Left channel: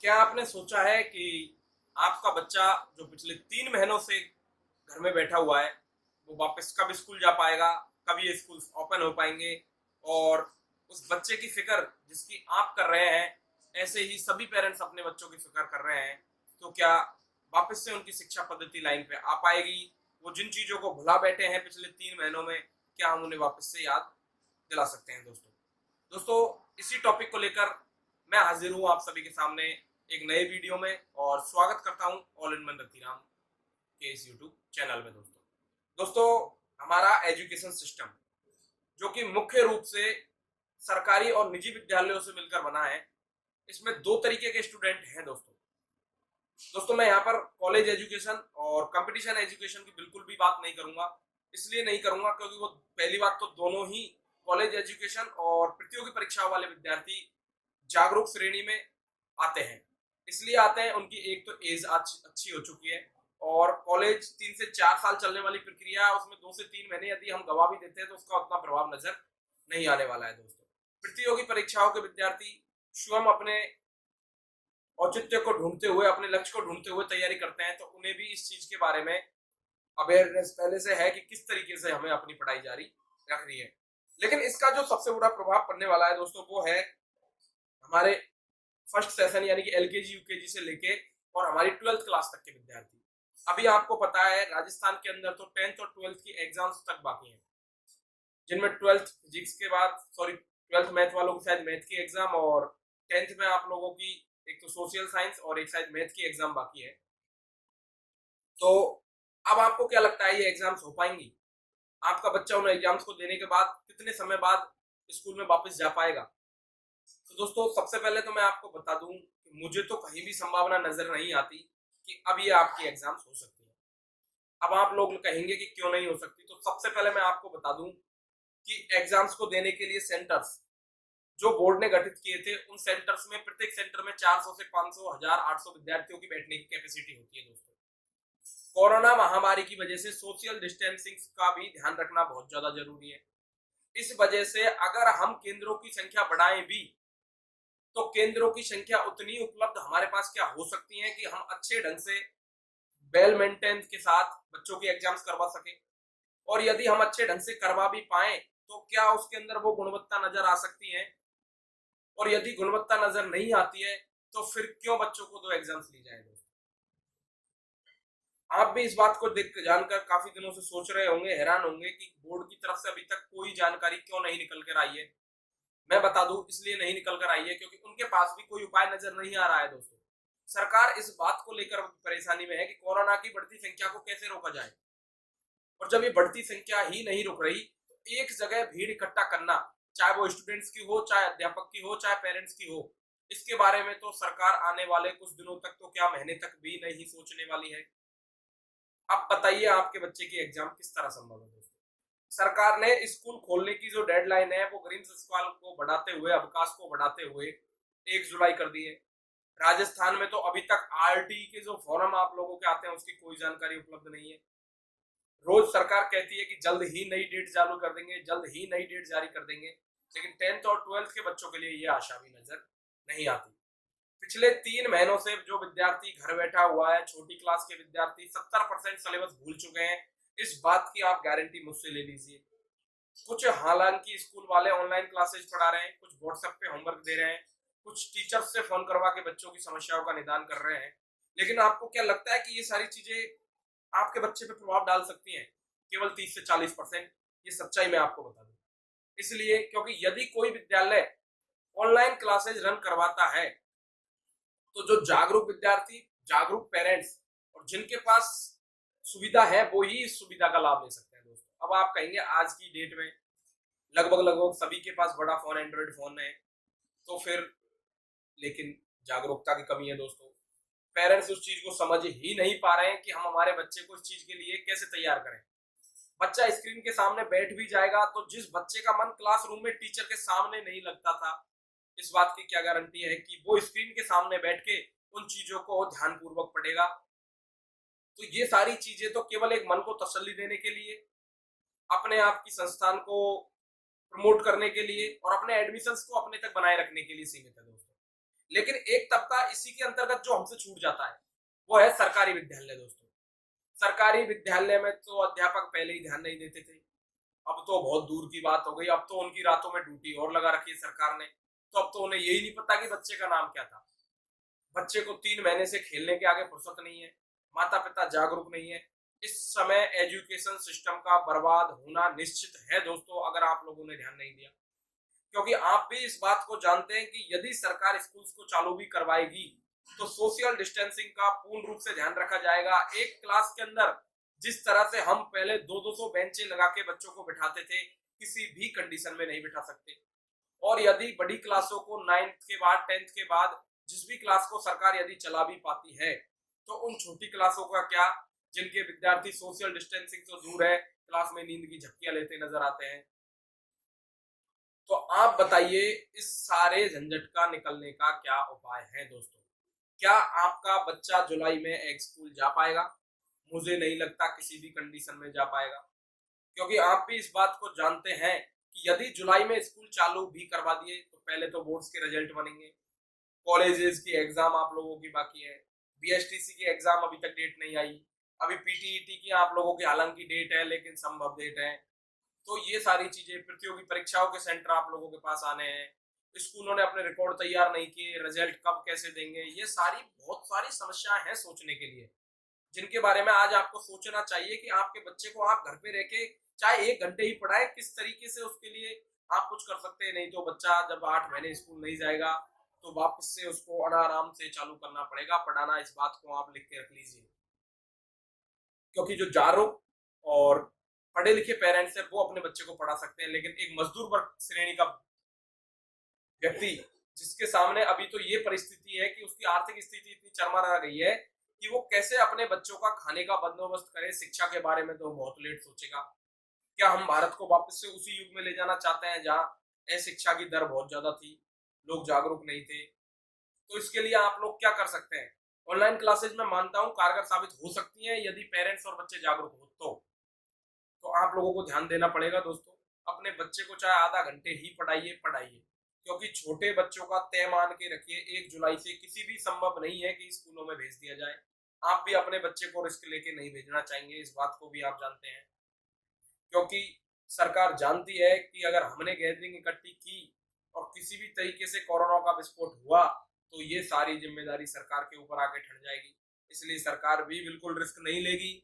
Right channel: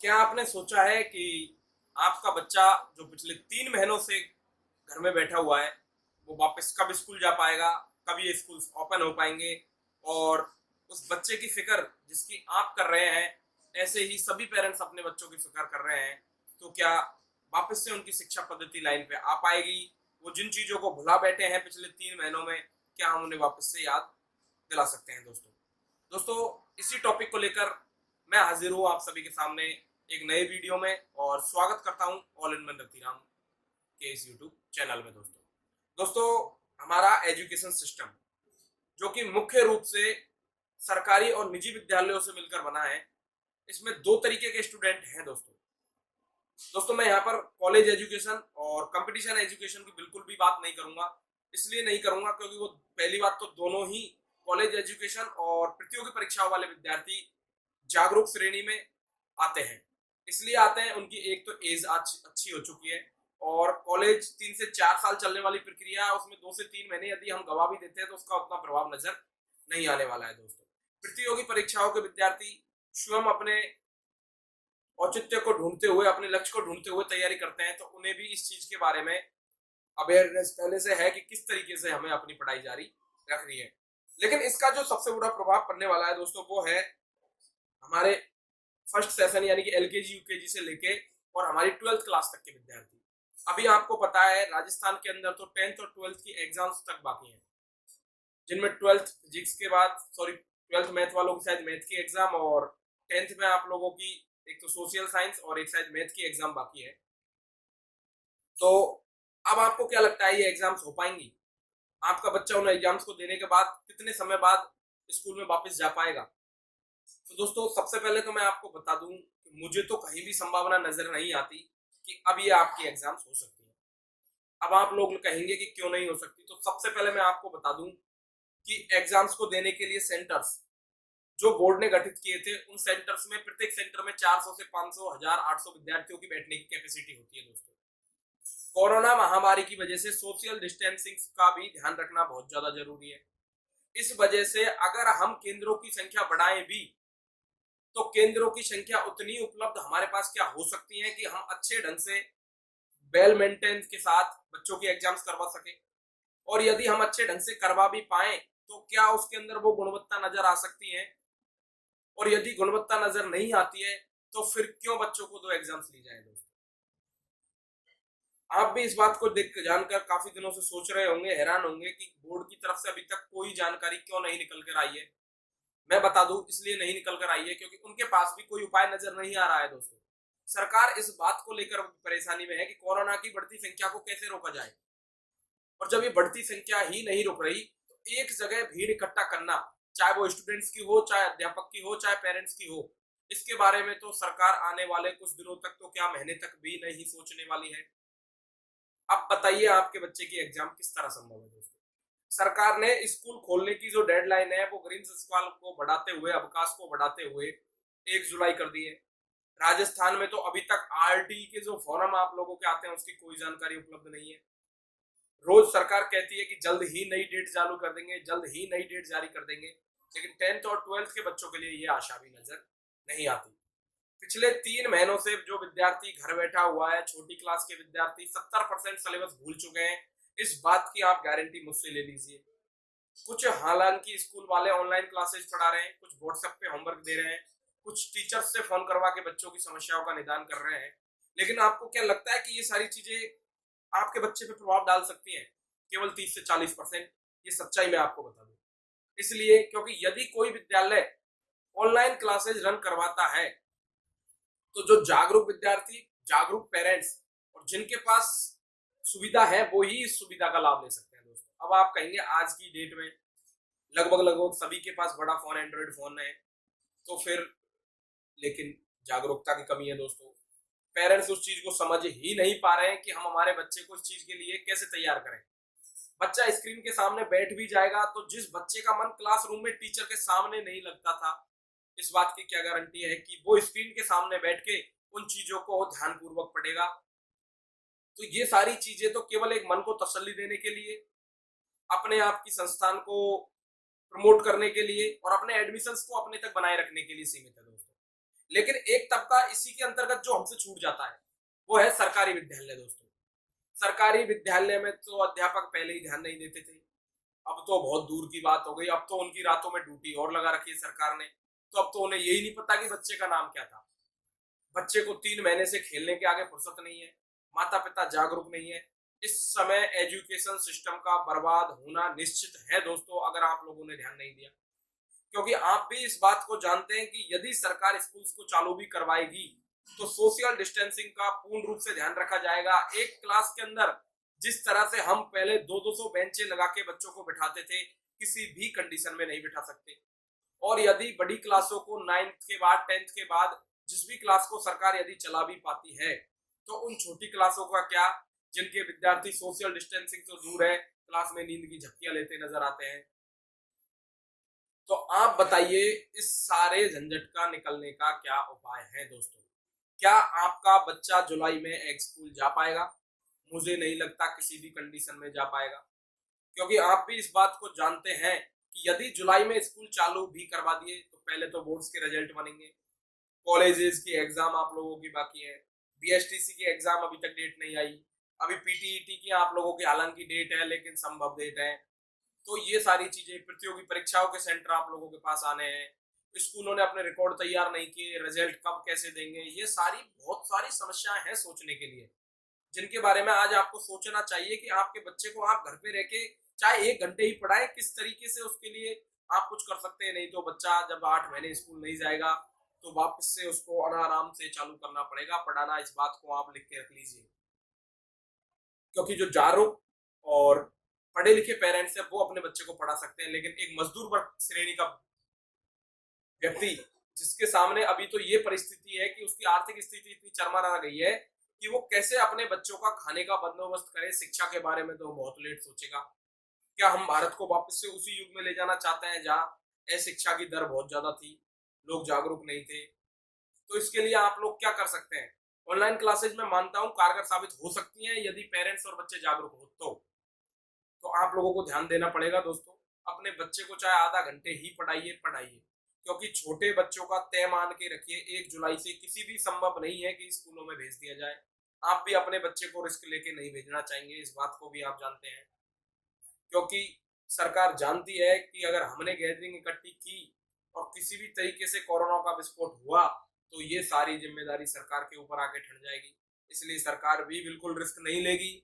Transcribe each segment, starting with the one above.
क्या आपने सोचा है कि आपका बच्चा जो पिछले 3 महीनों से घर में बैठा हुआ है, वो वापस कब स्कूल जा पाएगा, कब ये स्कूल ओपन हो पाएंगे? और उस बच्चे की फिक्र जिसकी आप कर रहे हैं, ऐसे ही सभी पेरेंट्स अपने बच्चों की फिक्र कर रहे हैं। तो क्या वापस से उनकी शिक्षा पद्धति लाइन पे आ पाएगी? वो जिन चीज़ों को भुला बैठे हैं पिछले 3 महीनों में, क्या हम उन्हें वापस से याद दिला सकते हैं दोस्तों? दोस्तों, इसी टॉपिक को लेकर मैं हाजिर हूँ आप सभी के सामने एक नए वीडियो में, और स्वागत करता हूँ ऑल इन वन रतिराम के इस यूट्यूब चैनल में। दोस्तों, हमारा एजुकेशन सिस्टम जो कि मुख्य रूप से सरकारी और निजी विद्यालयों से मिलकर बना है, इसमें दो तरीके के स्टूडेंट हैं दोस्तों। मैं यहाँ पर कॉलेज एजुकेशन और कंपटीशन एजुकेशन की बिल्कुल भी बात नहीं करूंगा। इसलिए नहीं करूंगा क्योंकि वो, पहली बात तो, दोनों ही कॉलेज एजुकेशन और प्रतियोगी परीक्षाओं वाले विद्यार्थी जागरूक श्रेणी में आते हैं। इसलिए आते हैं, उनकी एक तो एज अच्छी हो चुकी है, और कॉलेज 3 से 4 साल चलने वाली प्रक्रिया है, उसमें 2 से 3 महीने यदि हम गवा भी देते हैं तो उसका उतना प्रभाव नजर नहीं आने वाला है दोस्तों। प्रतियोगी परीक्षाओं के विद्यार्थी स्वयं अपने औचित्य को ढूंढते हुए, अपने लक्ष्य को ढूंढते हुए तैयारी करते हैं, तो उन्हें भी इस चीज के बारे में अवेयरनेस पहले से है कि किस तरीके से हमें अपनी पढ़ाई जारी रखनी है। लेकिन इसका जो सबसे बुरा प्रभाव पड़ने वाला है दोस्तों, वो है हमारे फर्स्ट सेशन यानी कि एलकेजी यूकेजी से लेके और हमारी 12th क्लास तक के विद्यार्थी। अभी आपको पता है, राजस्थान के अंदर तो 10th और 12th की एग्जाम्स तक बाकी हैं, जिनमें 12th फिजिक्स के बाद, सॉरी, 12th मैथ वालों की शायद मैथ की एग्जाम, और 10th में आप लोगों की एक तो सोशल साइंस और एक शायद मैथ की एग्जाम बाकी है। तो अब आपको क्या लगता है, ये एग्जाम्स हो पाएंगी? आपका बच्चा उन एग्जाम्स को देने के बाद कितने समय बाद स्कूल में वापस जा पाएगा? तो दोस्तों, सबसे पहले तो मैं आपको बता दूं कि मुझे तो कहीं भी संभावना नजर नहीं आती कि अब ये आपकी एग्जाम्स हो सकती है। अब आप लोग कहेंगे कि क्यों नहीं हो सकती, तो सबसे पहले मैं आपको बता दूं कि एग्जाम्स को देने के लिए सेंटर्स जो बोर्ड ने गठित किए थे, उन सेंटर्स में, प्रत्येक सेंटर में 400 से 500, 1000, 800 विद्यार्थियों की बैठने की कैपेसिटी होती है दोस्तों। कोरोना महामारी की वजह से सोशल डिस्टेंसिंग का भी ध्यान रखना बहुत ज्यादा जरूरी है। इस वजह से अगर हम केंद्रों की संख्या बढ़ाएं भी, तो केंद्रों की संख्या उतनी उपलब्ध हमारे पास क्या हो सकती है कि हम अच्छे ढंग से, वेल मेंटेन के साथ बच्चों की एग्जाम्स करवा सके। और यदि हम अच्छे ढंग से करवा भी पाए, तो क्या उसके अंदर वो गुणवत्ता नजर आ सकती है? और यदि गुणवत्ता नजर नहीं आती है, तो फिर क्यों बच्चों को दो एग्जाम्स ली जाए दोस्तों? आप भी इस बात को देख जानकर काफी दिनों से सोच रहे होंगे, हैरान होंगे कि बोर्ड की तरफ से अभी तक कोई जानकारी क्यों नहीं निकल कर आई है। मैं बता दूं, इसलिए नहीं निकल कर आई है क्योंकि उनके पास भी कोई उपाय नजर नहीं आ रहा है दोस्तों। सरकार इस बात को लेकर परेशानी में है कि कोरोना की बढ़ती संख्या को कैसे रोका जाए। और जब ये बढ़ती संख्या ही नहीं रुक रही, तो एक जगह भीड़ इकट्ठा करना, चाहे वो स्टूडेंट्स की हो, चाहे अध्यापक की हो, चाहे पेरेंट्स की हो, इसके बारे में तो सरकार आने वाले कुछ दिनों तक, तो क्या महीने तक भी नहीं सोचने वाली है। अब बताइए, आपके बच्चे की एग्जाम किस तरह संभव है दोस्तों? सरकार ने स्कूल खोलने की जो डेडलाइन है, वो ग्रीन सवाल को बढ़ाते हुए, अवकाश को बढ़ाते हुए 1 जुलाई कर दी है। राजस्थान में तो अभी तक आरटी के जो फॉर्म आप लोगों के आते हैं, उसकी कोई जानकारी उपलब्ध नहीं है। रोज सरकार कहती है कि जल्द ही नई डेट चालू कर देंगे, जल्द ही नई डेट जारी कर देंगे, लेकिन 10th और 12th के बच्चों के लिए ये आशा भी नजर नहीं आती। पिछले 3 महीनों से जो विद्यार्थी घर बैठा हुआ है, छोटी क्लास के विद्यार्थी 70% सिलेबस भूल चुके हैं। इस बात की आप गारंटी मुझसे ले लीजिए। कुछ हालांकि स्कूल वाले ऑनलाइन क्लासेस पढ़ा रहे हैं, कुछ व्हाट्सएप पे होमवर्क दे रहे हैं, कुछ टीचर्स से फोन करवा के बच्चों की समस्याओं का निदान कर रहे हैं। लेकिन आपको क्या लगता है कि ये सारी चीजें आपके बच्चे पे प्रभाव डाल सकती हैं? केवल 30 से 40%। ये सच्चाई मैं आपको बता दूं। इसलिए क्योंकि यदि कोई विद्यालय ऑनलाइन क्लासेज रन करवाता है, तो जो जागरूक विद्यार्थी, जागरूक पेरेंट्स और जिनके पास सुविधा है, वो ही इस सुविधा का लाभ ले सकते हैं दोस्तों। अब आप कहेंगे, आज की डेट में लगभग लगभग सभी के पास बड़ा फोन, एंड्रॉइड फोन है, तो फिर, लेकिन जागरूकता की कमी है दोस्तों। पेरेंट्स उस चीज को समझ ही नहीं पा रहे हैं कि हम हमारे बच्चे को इस चीज के लिए कैसे तैयार करें। बच्चा स्क्रीन के सामने बैठ भी जाएगा, तो जिस बच्चे का मन क्लासरूम में टीचर के सामने नहीं लगता था, इस बात की क्या गारंटी है कि वो स्क्रीन के सामने बैठ के उन चीजों को ध्यानपूर्वक पढ़ेगा? तो ये सारी चीजें तो केवल एक मन को तसल्ली देने के लिए, अपने आप की संस्थान को प्रमोट करने के लिए और अपने एडमिशंस को अपने तक बनाए रखने के लिए सीमित है दोस्तों। लेकिन एक तबका इसी के अंतर्गत जो हमसे छूट जाता है वो है सरकारी विद्यालय दोस्तों। सरकारी विद्यालय में तो अध्यापक पहले ही ध्यान नहीं देते थे, अब तो बहुत दूर की बात हो गई। अब तो उनकी रातों में ड्यूटी और लगा रखी है सरकार ने, तो अब तो उन्हें यही नहीं पता कि बच्चे का नाम क्या था। बच्चे को 3 महीने से खेलने के आगे फुर्सत नहीं है, माता पिता जागरूक नहीं है। इस समय एजुकेशन सिस्टम का बर्बाद होना निश्चित है दोस्तों, अगर आप लोगों ने ध्यान नहीं दिया। क्योंकि आप भी इस बात को जानते हैं कि यदि सरकार स्कूल्स को चालू भी करवाएगी तो सोशल डिस्टेंसिंग का पूर्ण रूप से ध्यान रखा जाएगा। एक क्लास के अंदर जिस तरह से हम पहले 200-200 बेंचें लगा के बच्चों को बिठाते थे, किसी भी कंडीशन में नहीं बिठा सकते। और यदि बड़ी क्लासों को 9th के बाद 10th के बाद जिस भी क्लास को सरकार यदि चला भी पाती है, तो उन छोटी क्लासों का क्या, जिनके विद्यार्थी सोशल डिस्टेंसिंग से दूर है, क्लास में नींद की झपकियां लेते नजर आते हैं। तो आप बताइए इस सारे झंझट का निकलने का क्या उपाय है दोस्तों? क्या आपका बच्चा जुलाई में एक स्कूल जा पाएगा? मुझे नहीं लगता किसी भी कंडीशन में जा पाएगा, क्योंकि आप भी इस बात को जानते हैं कि यदि जुलाई में स्कूल चालू भी करवा दिए तो पहले तो बोर्ड्स के रिजल्ट बनेंगे, कॉलेजेस की एग्जाम आप लोगों की बाकी है, बीएसटीसी की एग्जाम अभी तक डेट नहीं आई, अभी पीटीईटी की आप लोगों की हालांकि डेट है लेकिन संभव डेट है। तो ये सारी चीजें, प्रतियोगी परीक्षाओं के सेंटर आप लोगों के पास आने हैं, स्कूलों ने अपने रिकॉर्ड तैयार नहीं किए, रिजल्ट कब कैसे देंगे, ये सारी बहुत सारी समस्याएं हैं सोचने के लिए, जिनके बारे में आज आपको सोचना चाहिए कि आपके बच्चे को आप घर पे रह के चाहे 1 घंटे ही पढ़ाएं, किस तरीके से उसके लिए आप कुछ कर सकते हैं। नहीं तो बच्चा जब 8 महीने स्कूल नहीं जाएगा तो वापस से उसको आराम से चालू करना पड़ेगा पढ़ाना। इस बात को आप लिख के रख लीजिए, क्योंकि जो जागरूक और पढ़े लिखे पेरेंट्स है वो अपने बच्चे को पढ़ा सकते हैं, लेकिन एक मजदूर वर्ग श्रेणी का व्यक्ति जिसके सामने अभी तो ये परिस्थिति है कि उसकी आर्थिक स्थिति इतनी चरमरा गई है कि वो कैसे अपने बच्चों का खाने का बंदोबस्त करे, शिक्षा के बारे में तो बहुत लेट सोचेगा। क्या हम भारत को वापस से उसी युग में ले जाना चाहते हैं जहाँ अशिक्षा की दर बहुत ज्यादा थी, लोग जागरूक नहीं थे? तो इसके लिए आप लोग क्या कर सकते हैं? ऑनलाइन क्लासेज में मानता हूँ कारगर साबित हो सकती हैं यदि पेरेंट्स और बच्चे जागरूक हो तो आप लोगों को ध्यान देना पड़ेगा दोस्तों। अपने बच्चे को चाहे आधा घंटे ही पढ़ाइए पढ़ाइए, क्योंकि छोटे बच्चों का तय मान के रखिए 1 जुलाई से किसी भी संभव नहीं है कि स्कूलों में भेज दिया जाए। आप भी अपने बच्चे को रिस्क लेके नहीं भेजना चाहेंगे, इस बात को भी आप जानते हैं। क्योंकि सरकार जानती है कि अगर हमने गैदरिंग इकट्ठी की और किसी भी तरीके से कोरोना का विस्फोट हुआ तो ये सारी जिम्मेदारी सरकार के ऊपर आके ठहर जाएगी। इसलिए सरकार भी बिल्कुल रिस्क नहीं लेगी।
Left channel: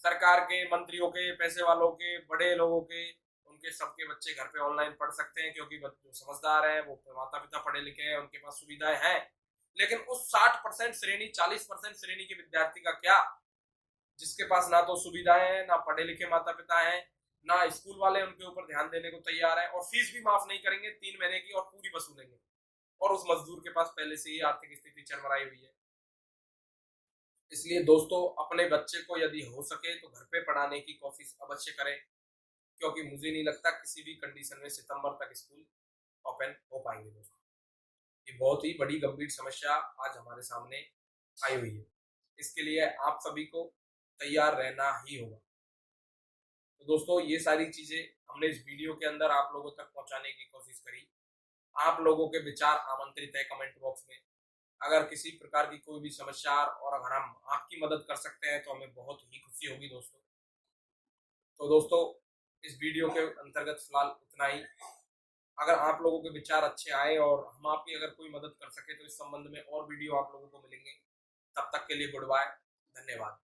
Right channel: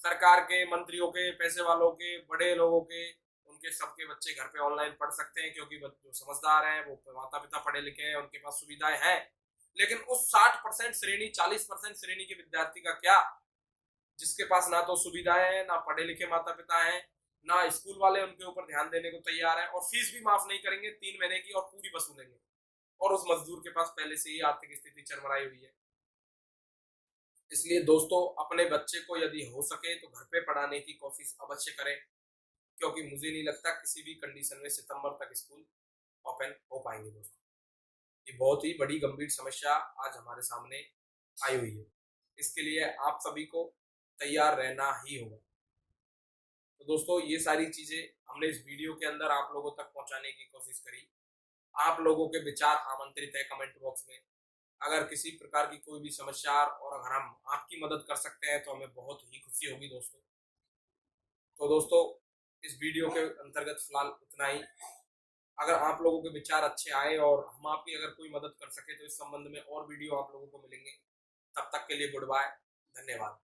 सरकार के मंत्रियों के, पैसे वालों के, बड़े लोगों के, उनके सबके बच्चे घर पे ऑनलाइन पढ़ सकते हैं, क्योंकि जो समझदार हैं वो माता पिता पढ़े लिखे हैं, उनके पास सुविधाएं हैं। लेकिन उस 60% श्रेणी, 40% श्रेणी के विद्यार्थी का क्या, जिसके पास ना तो सुविधाएं हैं, ना पढ़े लिखे माता पिता हैं, ना स्कूल वाले उनके ऊपर ध्यान देने को तैयार है, और फीस भी माफ नहीं करेंगे 3 महीने की और पूरी वसूलेंगे, और उस मजदूर के पास पहले से ही आर्थिक स्थिति चरमराई हुई है। इसलिए दोस्तों अपने बच्चे को यदि हो सके तो घर पे पढ़ाने की कोशिश अवश्य करें, क्योंकि मुझे नहीं लगता किसी भी कंडीशन में सितंबर तक स्कूल ओपन हो पाएंगे दोस्तों। ये बहुत ही बड़ी गंभीर समस्या आज हमारे सामने आई हुई है। इसके लिए आप सभी को तैयार रहना ही होगा। तो दोस्तों ये सारी चीजें हमने इस वीडियो के अंदर आप लोगों तक पहुंचाने की कोशिश करी। आप लोगों के विचार आमंत्रित है कमेंट बॉक्स में। अगर किसी प्रकार की कोई भी समस्या और अगर हम आपकी मदद कर सकते हैं तो हमें बहुत ही खुशी होगी दोस्तों। तो दोस्तों इस वीडियो के अंतर्गत फिलहाल इतना ही। अगर आप लोगों के विचार अच्छे आए और हम आपकी अगर कोई मदद कर सके तो इस संबंध में और वीडियो आप लोगों को मिलेंगे। तब तक के लिए गुड बाय, धन्यवाद।